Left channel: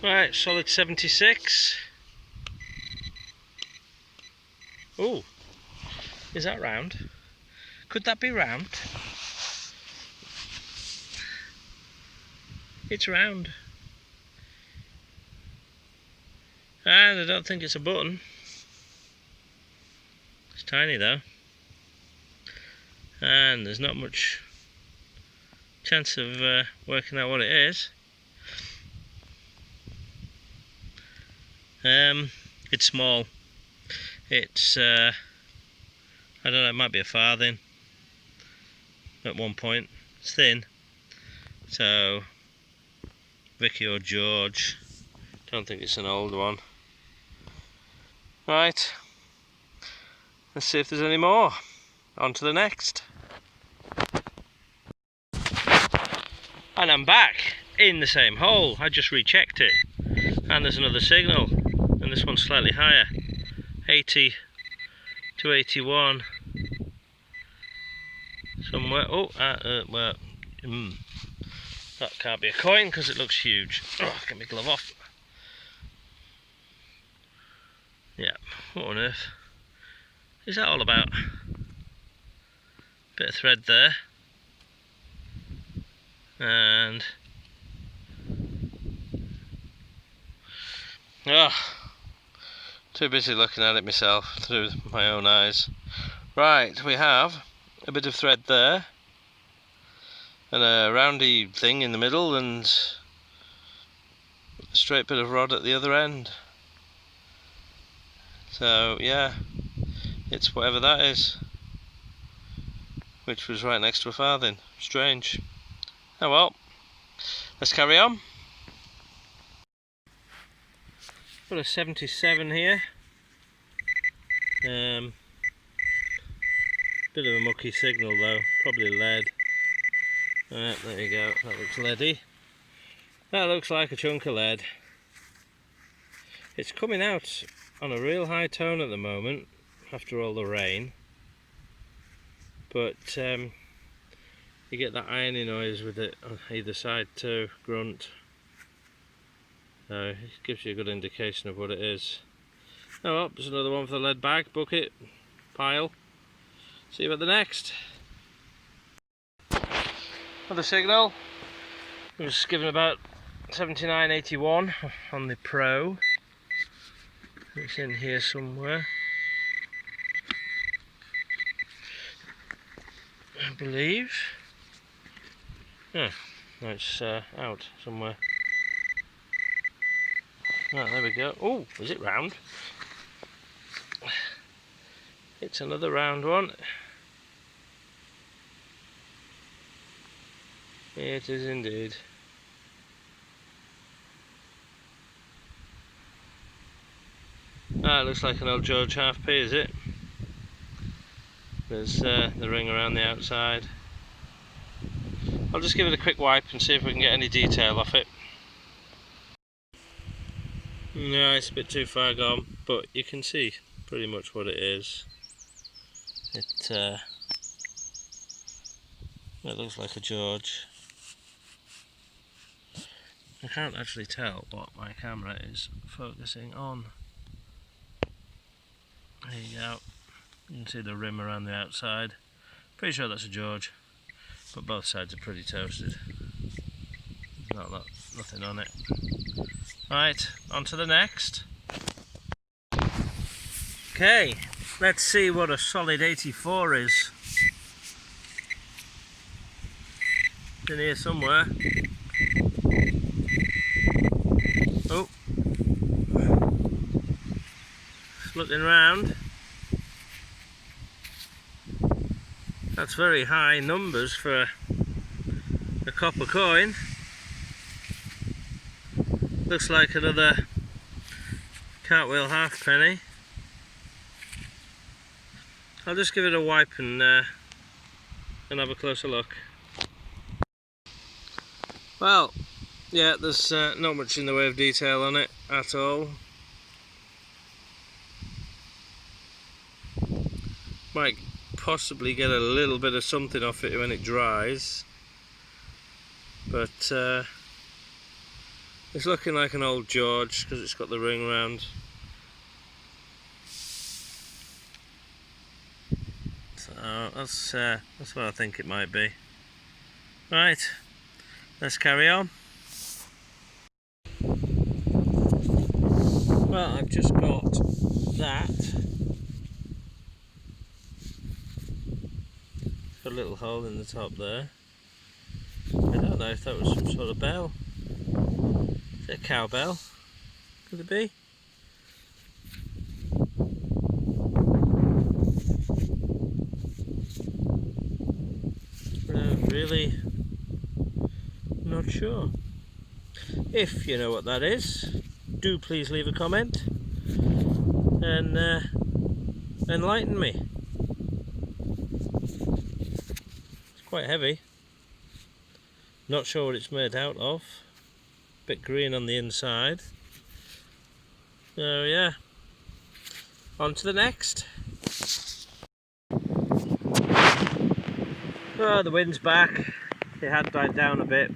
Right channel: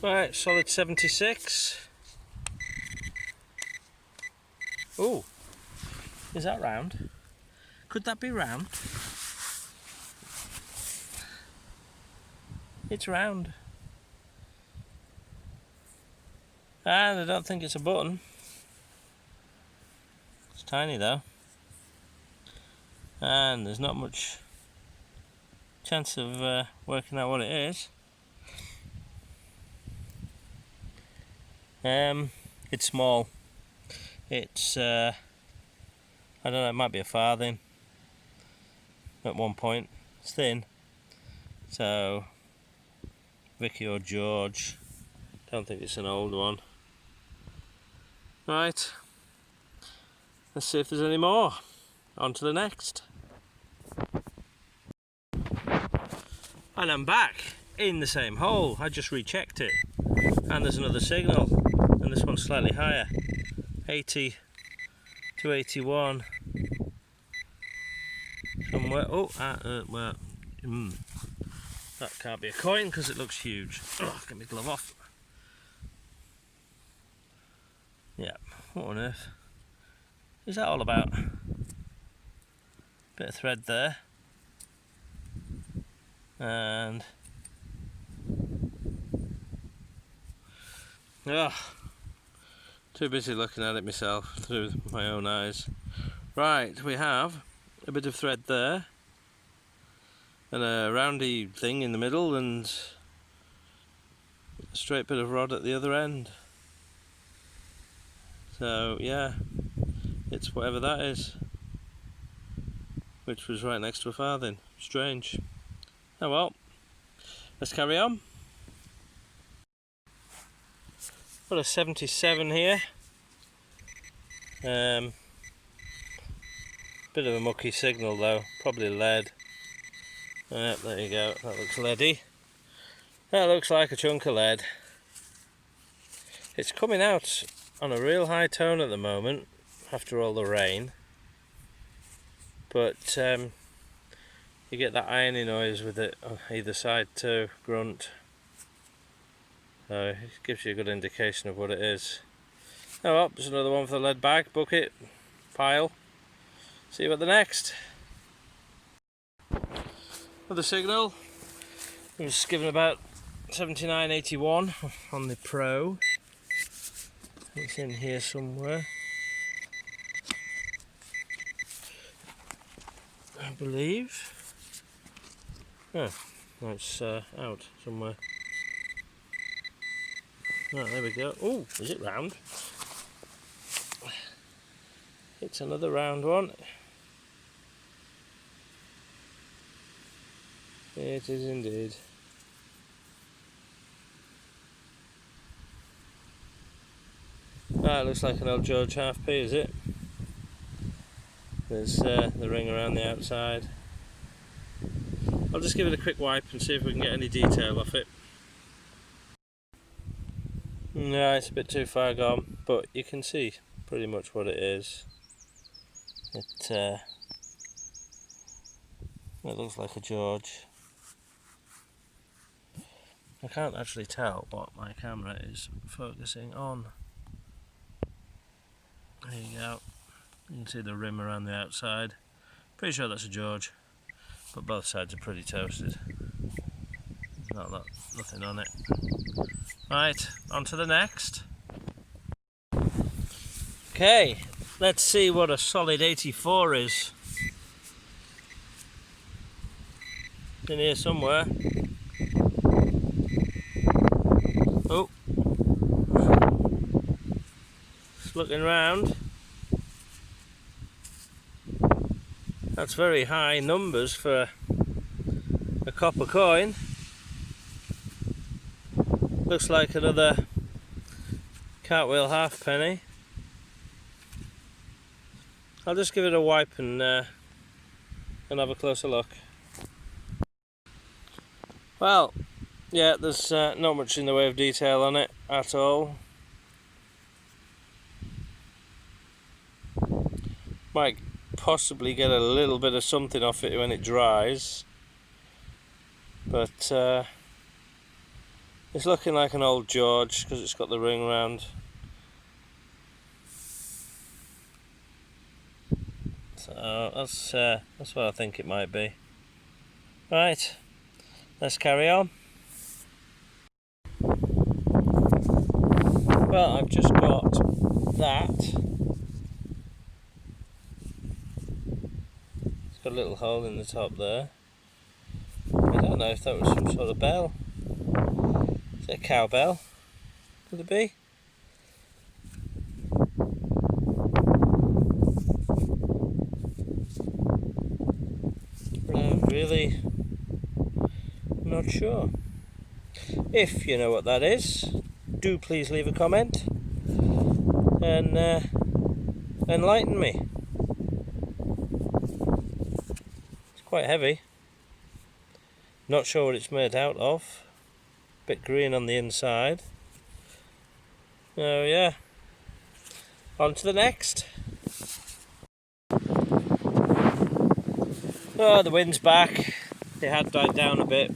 Right, solid 76. Oh, is that round? Could that be round? It's round. And I don't think it's a button. It's tiny though. And there's not much chance of working out what it is. It's small. It's I don't know, it might be a farthing at one point. It's thin, so Vicky or George, don't think it's an old one. Right, let's see if there's any more. On to the next. And I'm back in the same hole. I just rechecked it, and there's another signal, and this one's slightly higher, 80 to 81 somewhere. Oh, well, that can't be a coin because it looks huge. Oh, get my glove off. Yeah, what on earth is that all about? Bit of thread there, and too busy looking at it myself through my own eyes. Right, we have a bit of thread there, and a roundy thing in the middle, and a straight bit of rod at the other end. So yeah, it's whatever that is, which was right next to a farthing. Strange. Oh well, let's carry on. Got a 77 here. Bit of a mucky signal though, probably lead. There you go, that looks leady. That looks like a chunk of lead. It's coming out on a real high tone at the moment after all the rain, but you get that irony noise with it on either side too, grunt. So it gives you a good indication of what it is. Oh well, there's another one for the lead bag, bucket, pile. See you at the next. Another signal. I was given about 79.81 on the Pro. It's in here somewhere, I believe. Oh, no, it's out somewhere. Right, there we go. Oh, is it round? It's another round one. It is indeed. That looks like an old George half-p, is it? There's the ring around the outside. I'll just give it a quick wipe and see if we can get any detail off it. No, it's a bit too far gone, but you can see pretty much what it is. It looks like a George. I can't actually tell what my camera is focusing on. There you go. You can see the rim around the outside. Pretty sure that's a George, but both sides are pretty toasted. There's nothing on it. Right, on to the next. Okay, let's see what a solid 84 is. It's in here somewhere. Oh, just looking round. That's very high numbers for a copper coin. Looks like another cartwheel halfpenny. I'll just give it a wipe and have a closer look. Well, yeah, there's not much in the way of detail on it at all. Might possibly get a little bit of something off it when it dries, but It's looking like an old George because it's got the ring round. So that's what I think it might be. Right, let's carry on. Well, I've just got that. It's got a little hole in the top there. I don't know if that was some sort of bell. Is it a cowbell? Could it be? Really not sure. If you know what that is, do please leave a comment and enlighten me. It's quite heavy. Not sure what it's made out of. Bit green on the inside. So yeah, on to the next. Oh, the wind's back. It had died down a bit.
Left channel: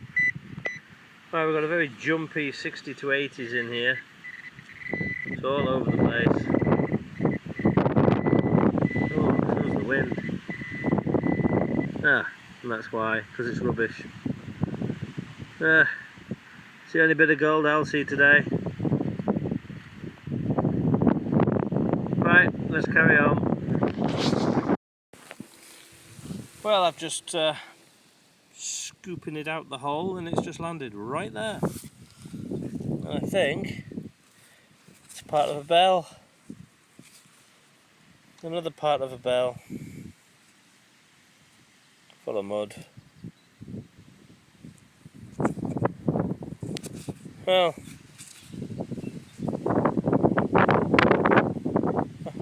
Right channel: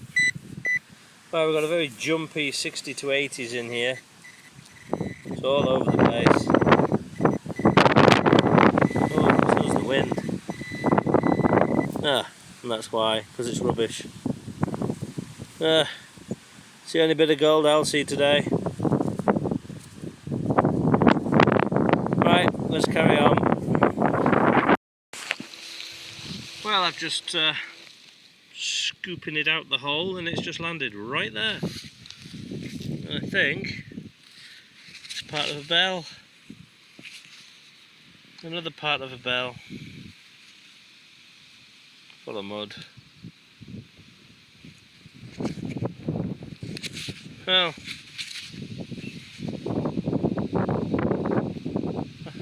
Well, we've got a very jumpy 60 to 80s in here. It's all over the place. Oh, so's the wind. Ah, and that's why, because it's rubbish. It's the only bit of gold I'll see today. Right, let's carry on. Well, I've just scooping it out the hole and it's just landed right there. I think it's part of a bell. Another part of a bell. Full of mud. Well,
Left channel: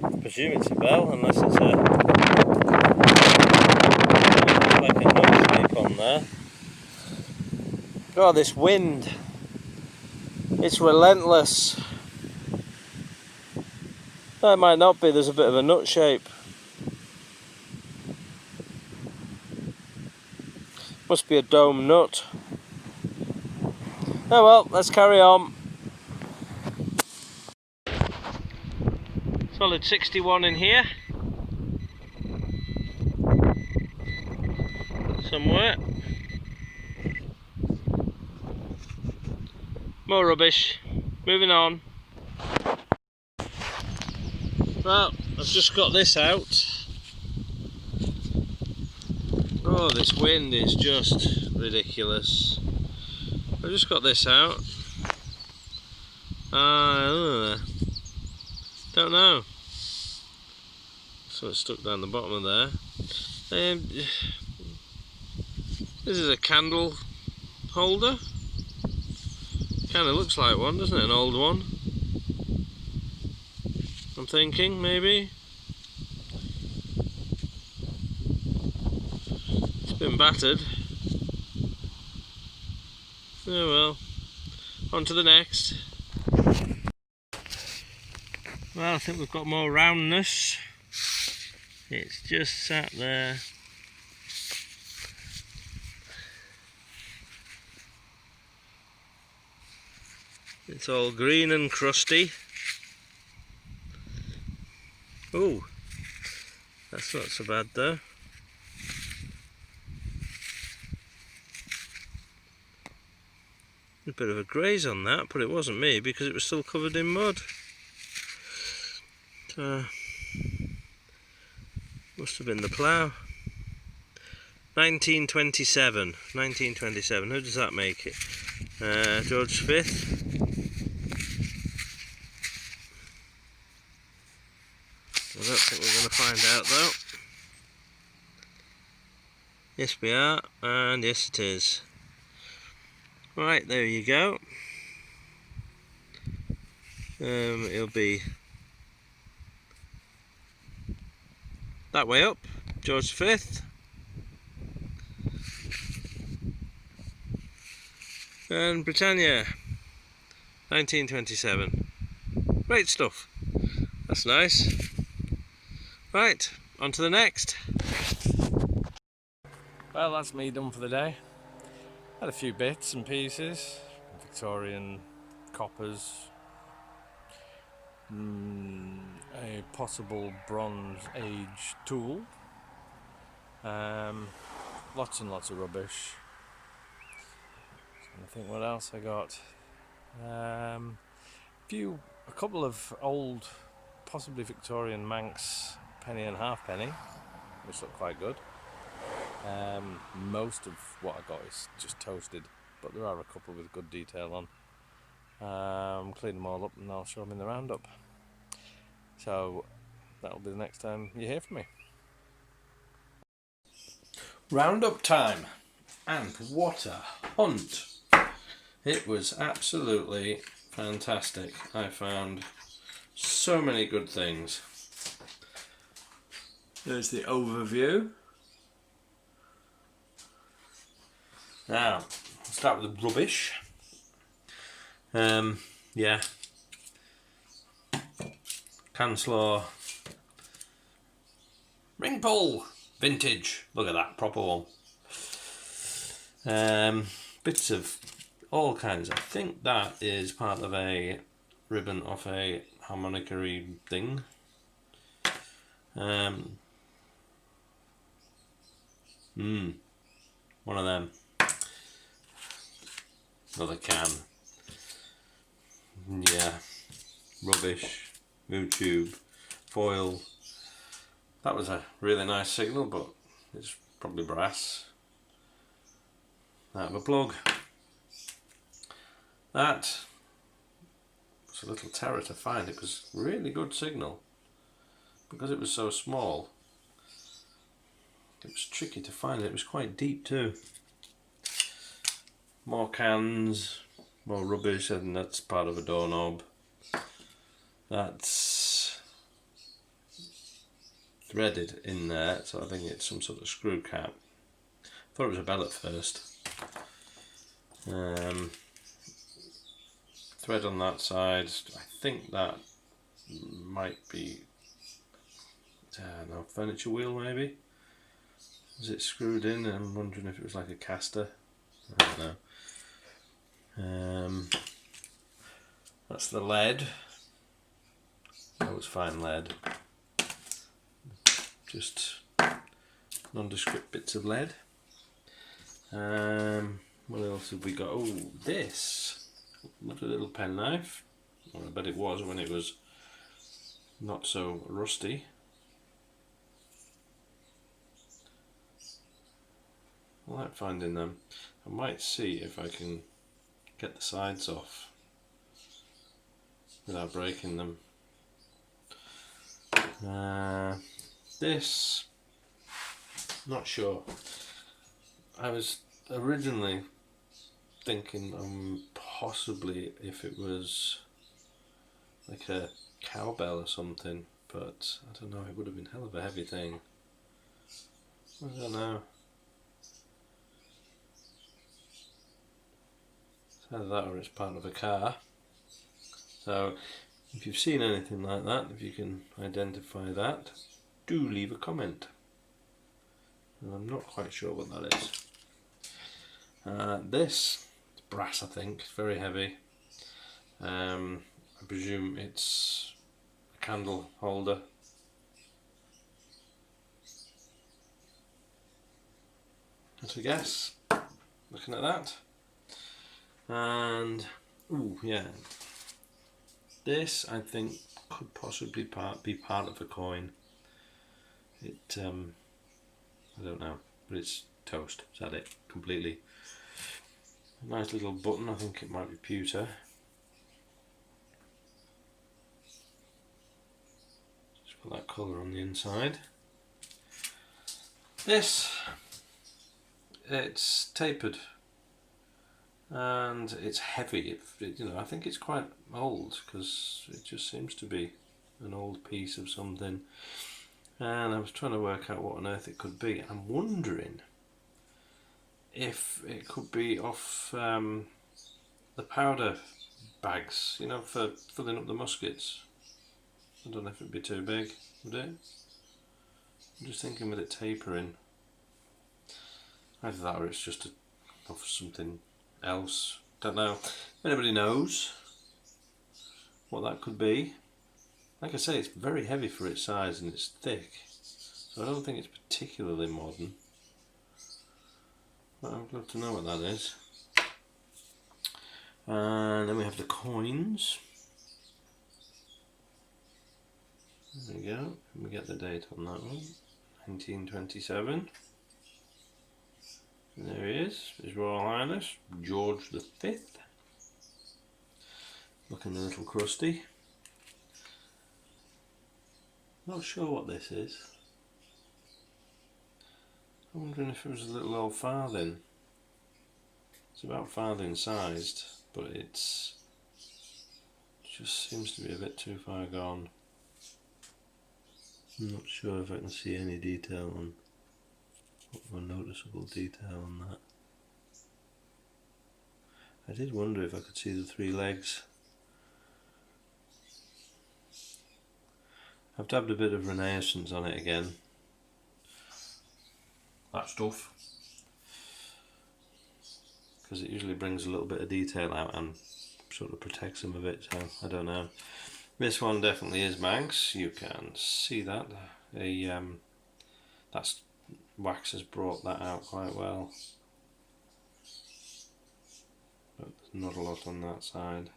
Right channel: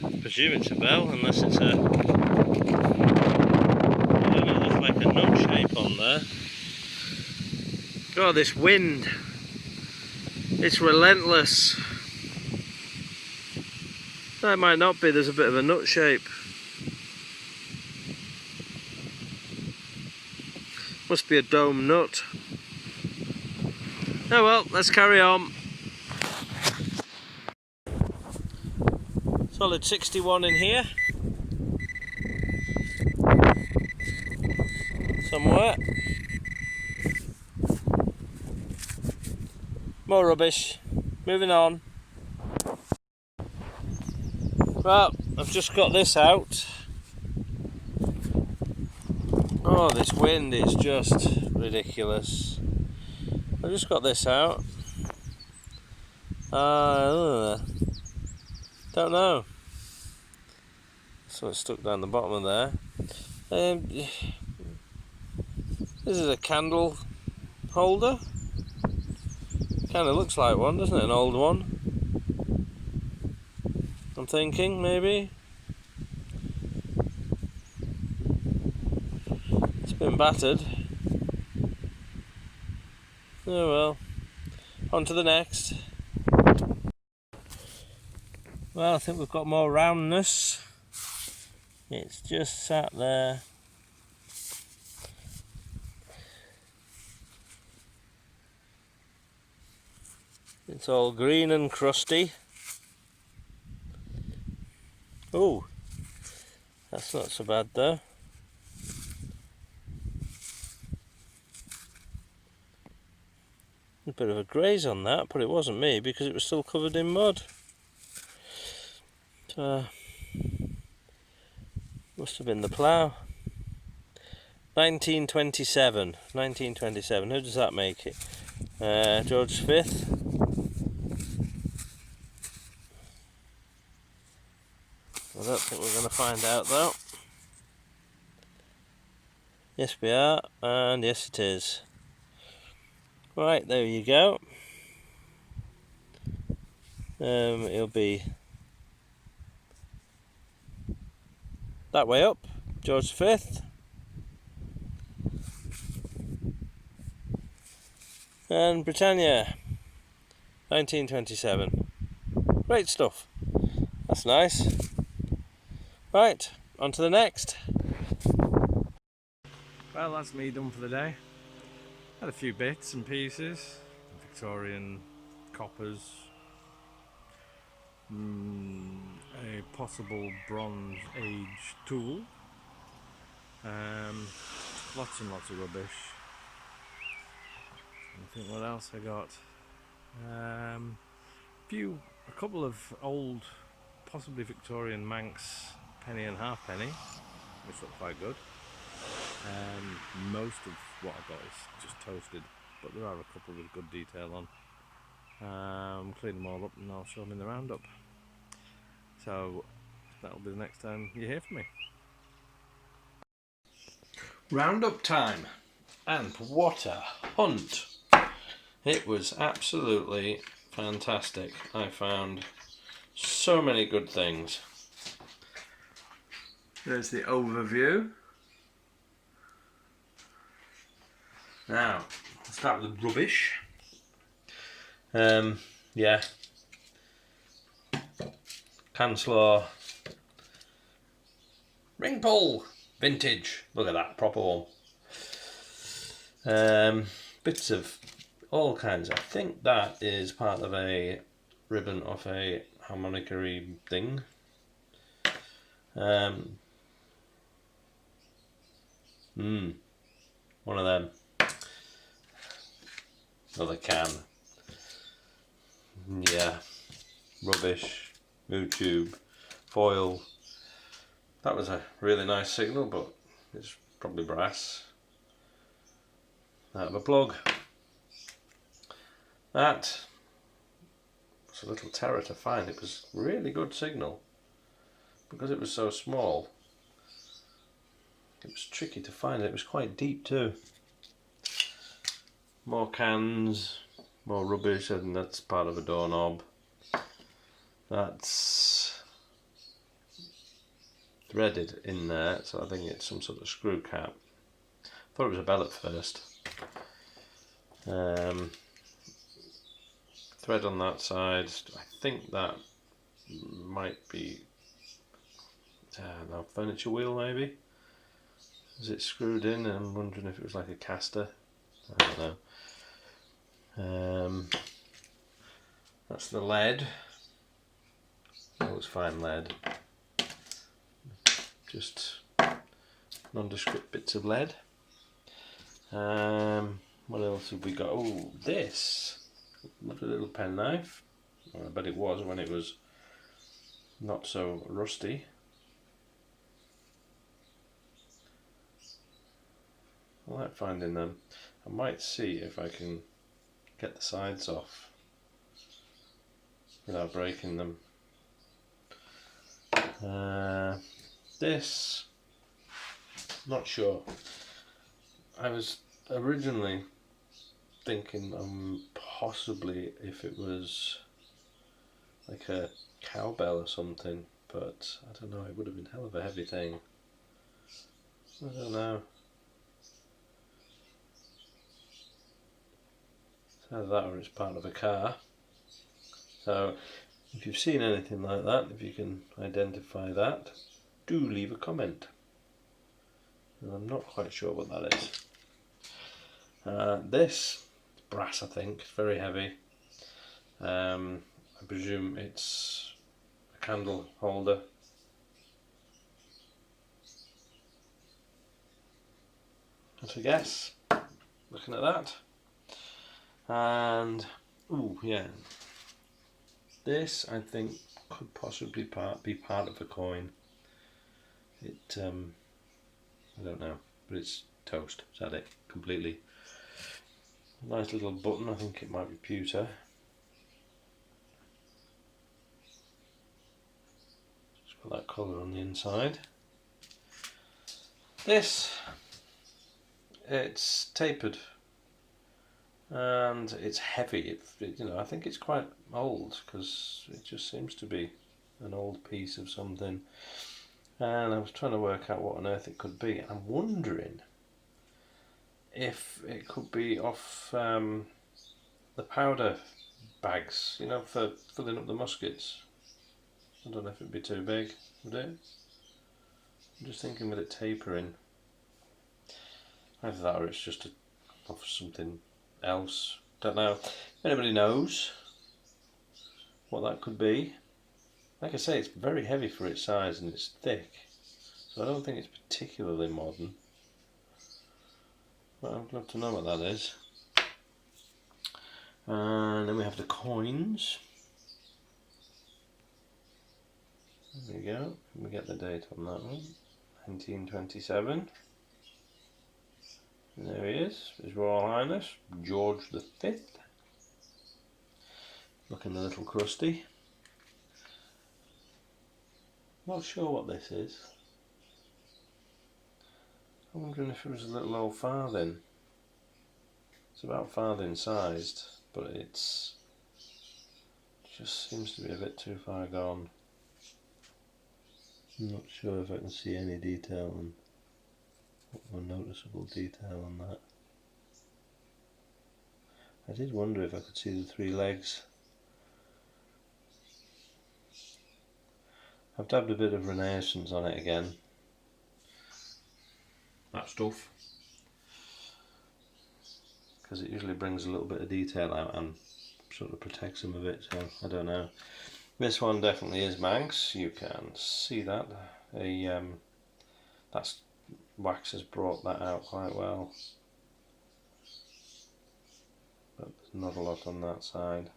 I presume it's a bell unless it's like a nut shape on there. God, this wind, it's relentless. That might not be, there's a bit of a nut shape. Must be a dome nut. Oh well, let's carry on. Solid 61 in here. Somewhere. More rubbish. Moving on. Well, I've just got this out. Oh, this wind is just ridiculous. I've just got this out. Don't know. Something stuck down the bottom of there. This is a candle holder. Kind of looks like one, doesn't it? An old one. I'm thinking, maybe. It's been battered. Oh well. On to the next. Well, I think we've got more roundness. It's just sat there. It's all green and crusty. Oh, that's not so bad though. A bit of a graze on that, but it wasn't me because it was still covered in mud. Must have been the plough. 1927. 1927. Who does that make it? George V. I don't think we're going to find out though. Yes we are, and yes it is. Right, there you go. It'll be that way up, George V. And Britannia, 1927. Great stuff. That's nice. Right, on to the next. Well, that's me done for the day. Had a few bits and pieces. Victorian coppers, a possible Bronze Age tool, lots and lots of rubbish. I think what else I got. A couple of old, possibly Victorian Manx penny and halfpenny, which look quite good. Most of what I got is just toasted, but there are a couple with good detail on. Clean them all up and I'll show them in the roundup. So that'll be the next time you hear from me. Roundup time, and what a hunt! It was absolutely fantastic. I found so many good things. There's the overview. Now, I'll start with the rubbish. Yeah. Canslaw. Ring pull! Vintage. Look at that, proper one. Bits of all kinds. I think that is part of a ribbon off a harmonica-y thing. One of them. Another can. Yeah. Rubbish. Mood tube. Foil. That was a really nice signal, but it's probably brass. Out of a plug. That was a little terror to find. It was a really good signal. Because it was so small, it was tricky to find. It was quite deep too. More cans, more rubbish, and that's part of a doorknob. That's threaded in there, so I think it's some sort of screw cap. Thought it was a bell at first. Thread on that side. I think that might be no, furniture wheel maybe. Is it screwed in? I'm wondering if it was like a caster. I don't know. That's the lead. That was fine lead. Just nondescript bits of lead. What else have we got? Oh, this. What a little penknife. Well, I bet it was when it was not so rusty. I like finding them. I might see if I can get the sides off without breaking them. This, not sure. I was originally thinking possibly if it was like a cowbell or something, but I don't know, it would have been hell of a heavy thing. I don't know. It's either that or it's part of a car. So if you've seen anything like that, if you can identify that, do leave a comment. And I'm not quite sure what that is. This is brass, I think. It's very heavy. I presume it's a candle holder. That's a guess. Looking at that. And ooh, yeah. This I think could possibly be part of a coin. It I don't know, but it's toast. Is that it? Completely. A nice little button. I think it might be pewter. Just got that colour on the inside. This, it's tapered and it's heavy. You know, I think it's quite old because it just seems to be an old piece of something. And I was trying to work out what on earth it could be. I'm wondering if it could be off the powder bags, you know, for filling up the muskets. I don't know if it'd be too big, would it? I'm just thinking with it tapering. Either that or it's just off something else. Don't know. If anybody knows, what that could be. Like I say, it's very heavy for its size and it's thick, so I don't think it's particularly modern. But I'd love to know what that is. And then we have the coins. There we go. We get the date on that one. 1927. And there he is, His Royal Highness George V. Looking a little crusty. Not sure what this is. I'm wondering if it was a little old farthing. It's about farthing sized, but it's just seems to be a bit too far gone. I'm not sure if I can see any detail on, or noticeable detail on that. I did wonder if I could see the 3 legs. I've dabbed a bit of Renaissance on it again. That stuff. Because it usually brings a little bit of detail out and sort of protects them a bit, so I don't know. This one definitely is Manx, you can see that. That's wax has brought that out quite well. But there's not a lot on that side.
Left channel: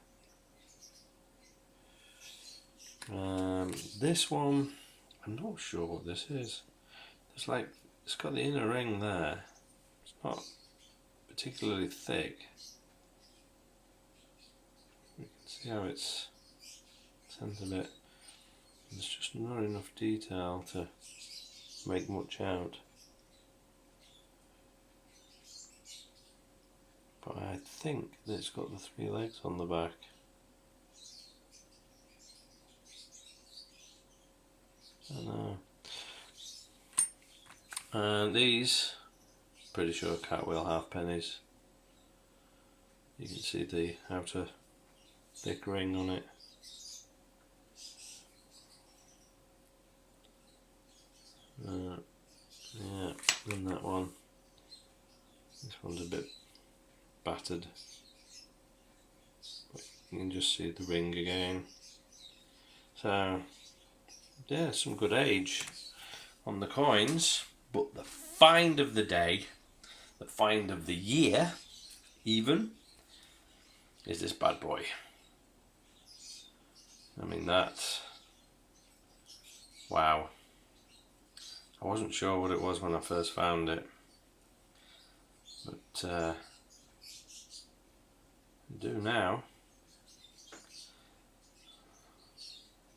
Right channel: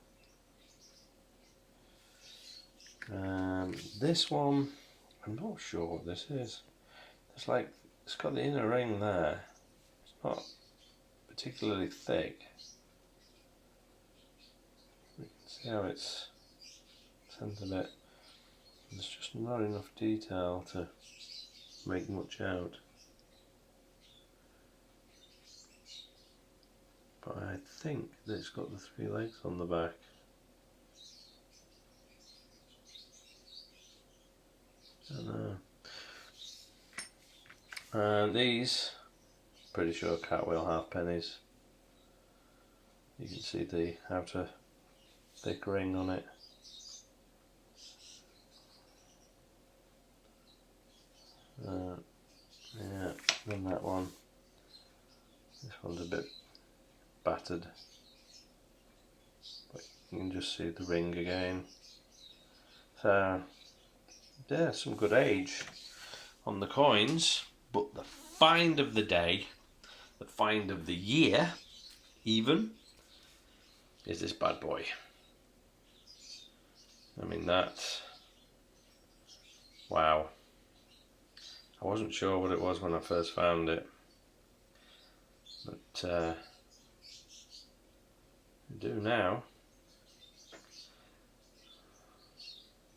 This one, I'm not sure what this is. It's like, it's got the inner ring there. It's not particularly thick. You can see how it's sent a bit. There's just not enough detail to make much out. But I think that it's got the 3 legs on the back. I don't know. And these, pretty sure cartwheel halfpennies. You can see the outer thick ring on it. Yeah, then that one. This one's a bit battered, but you can just see the ring again. So yeah, some good age on the coins, but the find of the day, the find of the year even, is this bad boy. I mean, that, wow. I wasn't sure what it was when I first found it, but I do now.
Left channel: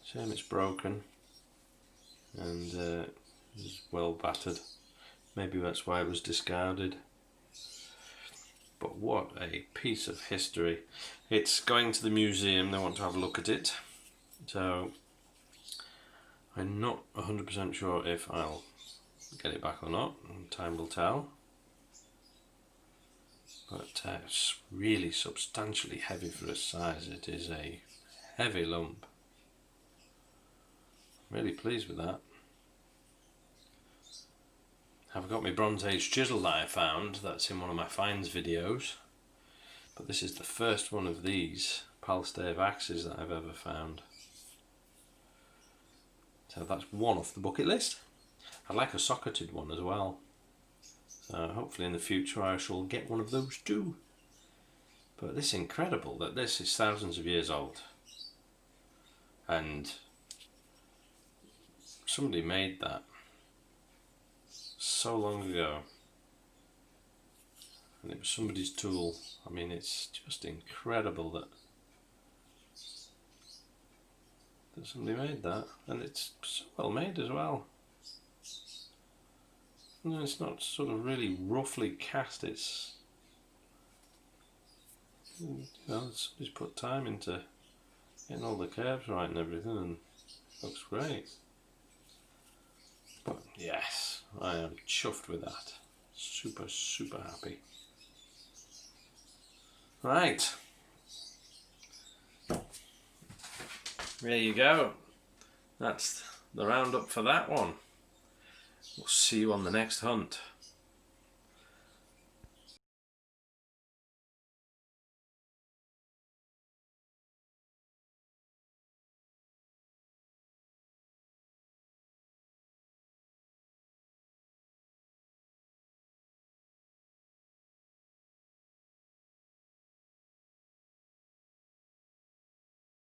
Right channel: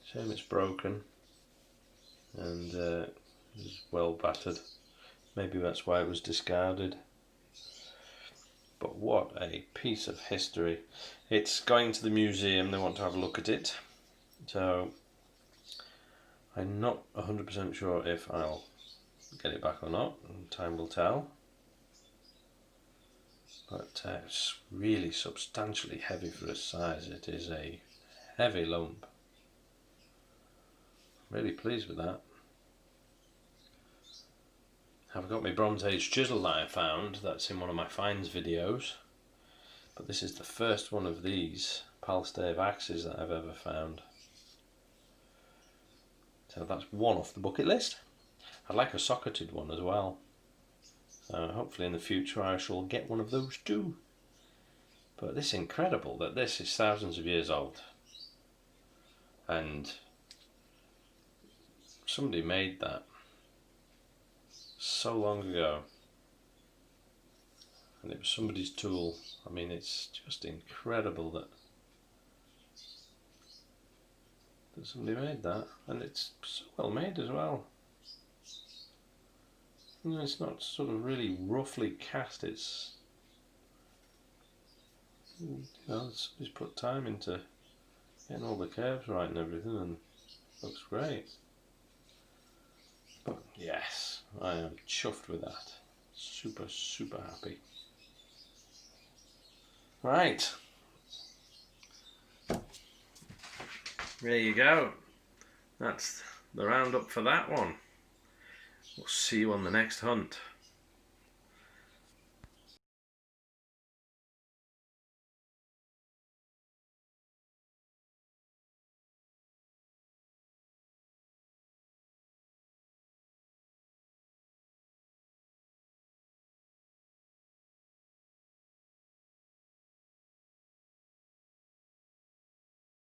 Shame it's broken and is well battered. Maybe that's why it was discarded. But what a piece of history. It's going to the museum, they want to have a look at it. So I'm not 100% sure if I'll get it back or not, and time will tell. But it's really substantially heavy for its size. It is a heavy lump. Really pleased with that. I've got my BronzeAge chisel that I found, that's in one of my finds videos, but this is the first one of these Palstave axes that I've ever found. So that's one off the bucket list. I'd like a socketed one as well, so hopefully in the future I shall get one of those too. But it's incredible that this is thousands of years old, and somebody made that so long ago, and it was somebody's tool. I mean, it's just incredible that somebody made that, and it's so well made as well. You know, it's not sort of really roughly cast. It's, you know, somebody's put time into getting all the curves right and everything, and it looks great. But yes, I am chuffed with that. Super, super happy. Right. There you go. That's the roundup for that one. We'll see you on the next hunt.